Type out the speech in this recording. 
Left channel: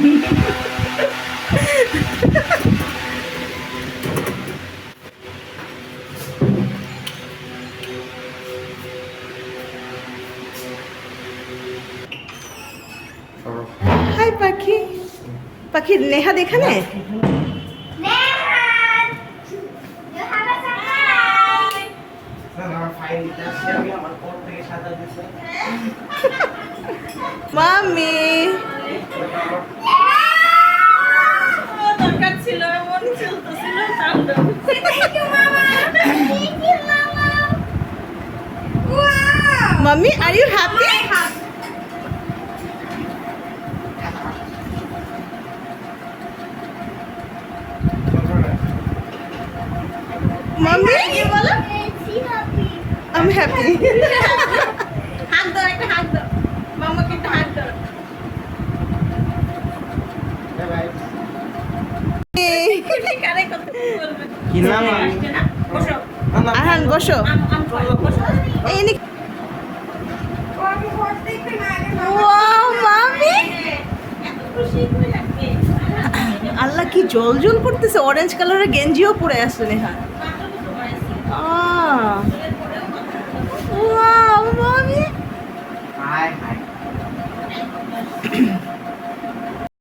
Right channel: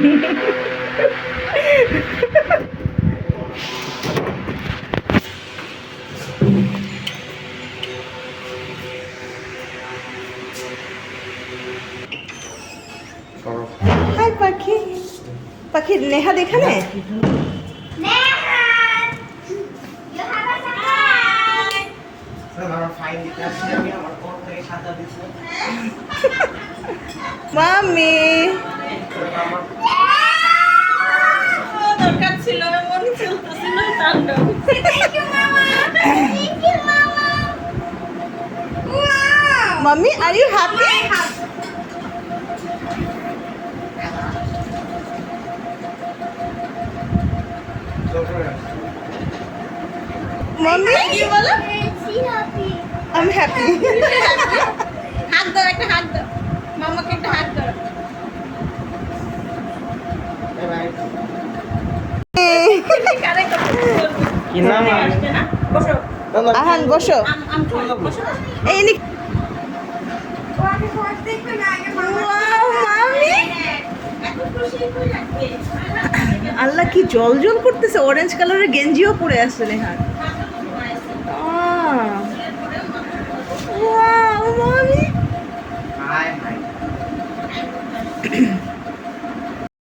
High পাখি, পাখি নেহা এখানে। মামি দরকার ছিল, মামি আর ইউ হ্যাপি? মাম্মি কি বলো? আমি হ্যাপি। হাত দাও, একটা হাত দাও মামাকে, একটা হাত দাও। বাই কি নাম আসছে না? বসো আহান, বসো। এই নি ও আমি ভয় দেখবে না আগে মামা। ওয়াও মামি এত খুশি হয়ে যাচ্ছে। আল্লাহ কি জল জল করতেছে, অরেঞ্জ কালারের গেঞ্জিও পরে আসছে নেহা।